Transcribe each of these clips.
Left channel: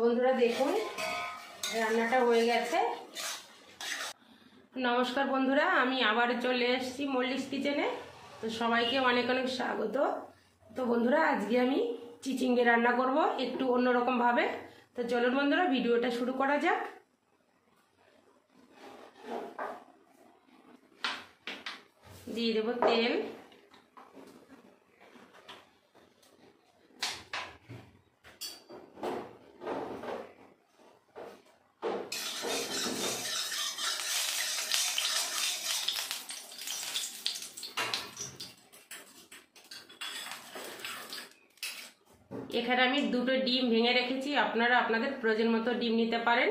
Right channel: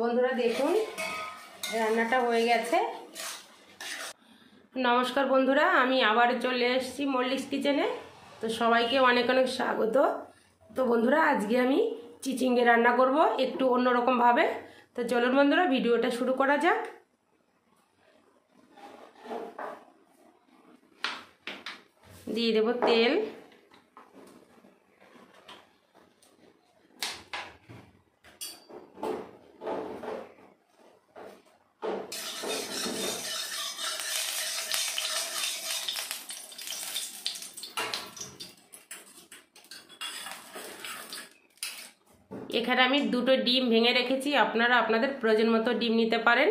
বন্ধুরা দেখুন রান্নাটা হয়ে গেছে। নমস্কার বন্ধুরা, আমি আবার চলে এসেছি মল্লিস কিচেনে। তো সবাইকে অনেক অনেক স্বাগত। তো বন্ধুরা আজকে আমি চিচিঙ্গে রান্না করব একটু অন্যরকম ভাবে। তো চলুন বন্ধুরা ভিডিওটা শুরু করা যাক। দিয়ে দেব তেল, এখানে আমি দুটো ডিম ভেঙে রেখেছি, আপনারা আপনাদের প্রয়োজন মতো ডিম নিতে পারেন।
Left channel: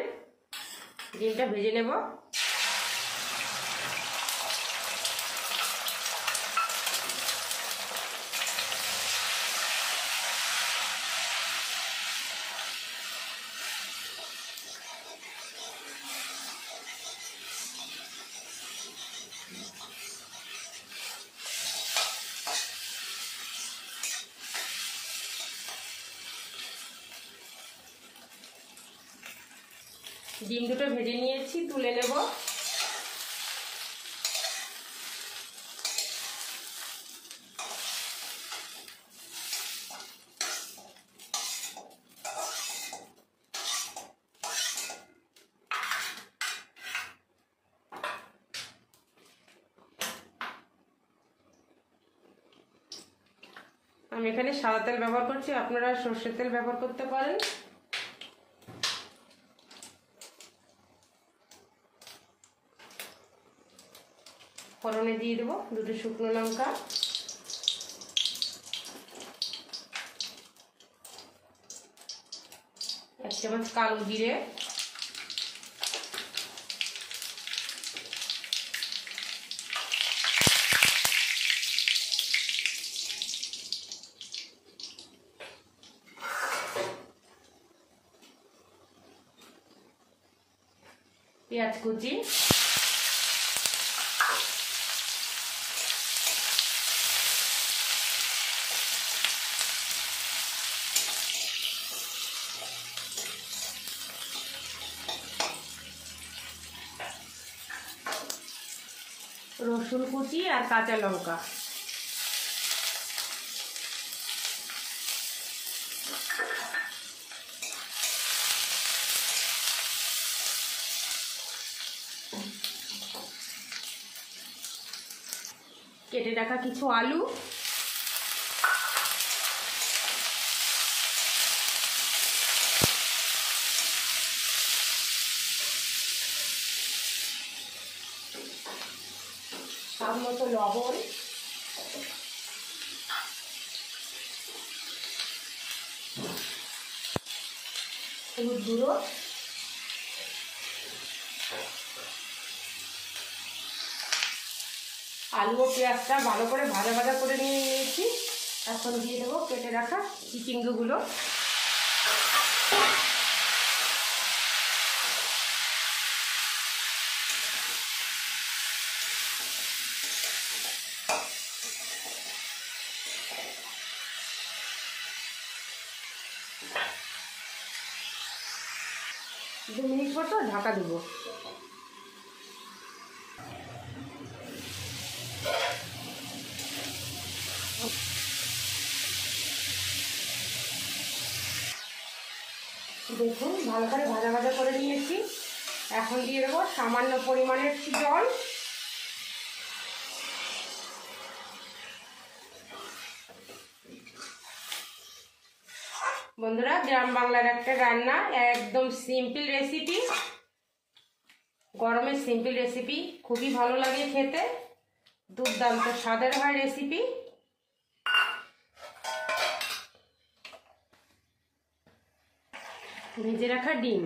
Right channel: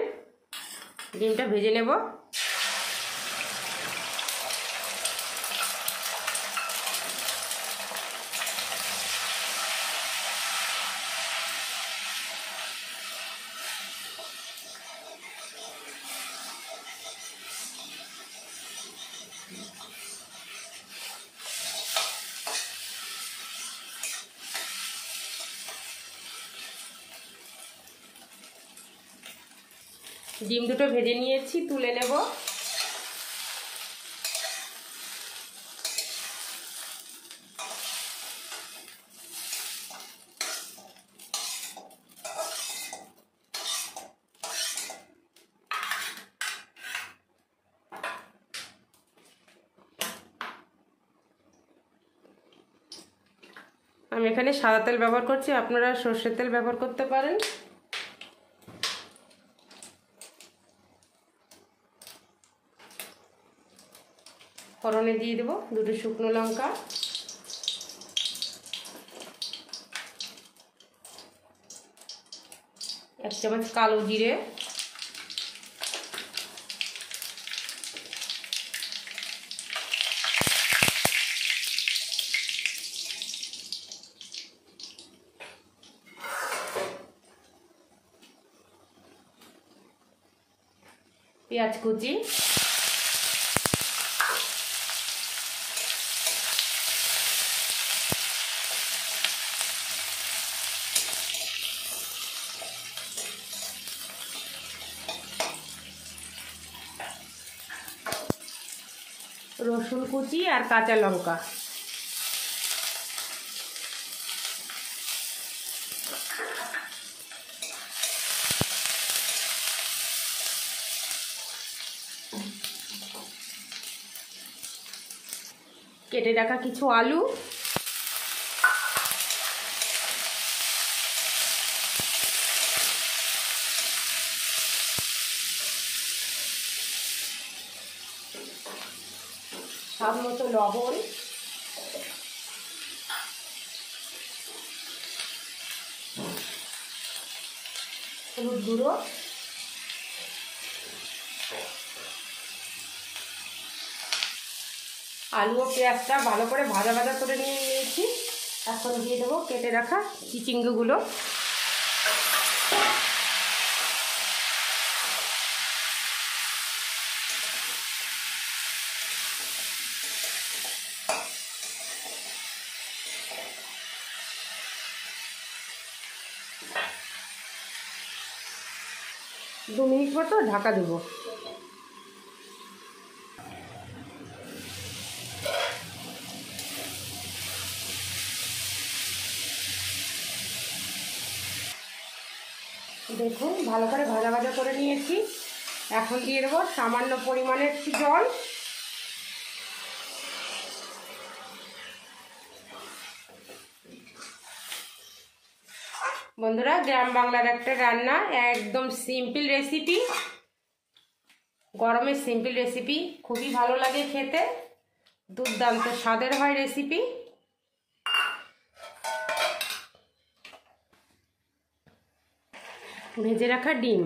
ডিমটা ভেজে নেব। ডিম দুটো ভেজে নিয়েছি, তুলে নেব। আমি এখানে সাদা তেল ব্যবহার করছি, আপনারা সরষের তেল ব্যবহার করতে পারেন। ফোড়নে দিয়ে দেবো দুটো শুকনো লঙ্কা, এক চামচ কালো জিরে, পেঁয়াজ কুচি, রসুন কুচি আর কাঁচা লঙ্কা। কেটে রাখা কিছু আলু, স্বাদ মতো লবণ, হলুদ গুঁড়ো, আলু ও পেঁয়াজটা ভালো করে ভাজা ভাজা করে নিয়েছি। এখন দিয়ে দেবো কেটে রাখা চিচিঙ্গিগুলো। দু মিনিট মতো ঢাকা দেবো। দেখুন ভালো করে ভাজা ভাজা করে নিয়েছি। এখন দিয়ে দেবো সামান্য পরিমাণের জল। বন্ধুরা গ্রাম বাংলার একটা রান্না, একদম সিম্পল রেসিপি, গরমের সিম্পল রেসিপি, খুবই ভালো লাগে খেতে, দুর্দান্ত স্বাদের হয় রেসিপি। ভেজে রাখা ডিম,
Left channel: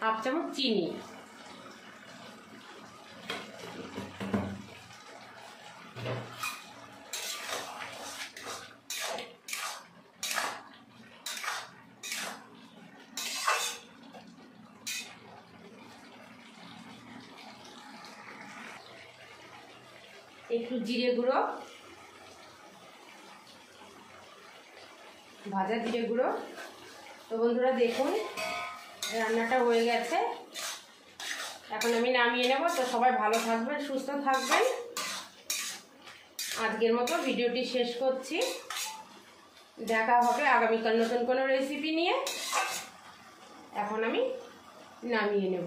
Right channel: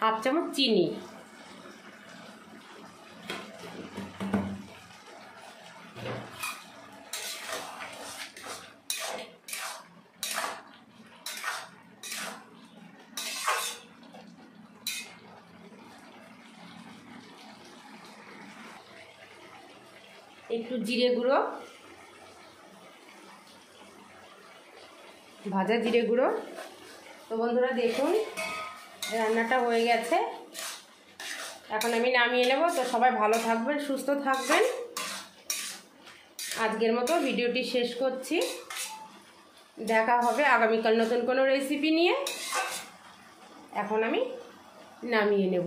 হাফ চামচ চিনি, একটু জিরে গুঁড়ো, ভাজা জিরে গুঁড়ো। তো বন্ধুরা দেখুন রান্নাটা হয়ে গেছে, এখন আমি নামিয়ে নেব। তো সবাই ভালো থাকবেন, সুস্থ থাকবেন। আজকের মতো ভিডিওটি শেষ করছি, দেখা হবে আগামীকাল নতুন কোনো রেসিপি নিয়ে। এখন আমি নামিয়ে নেব।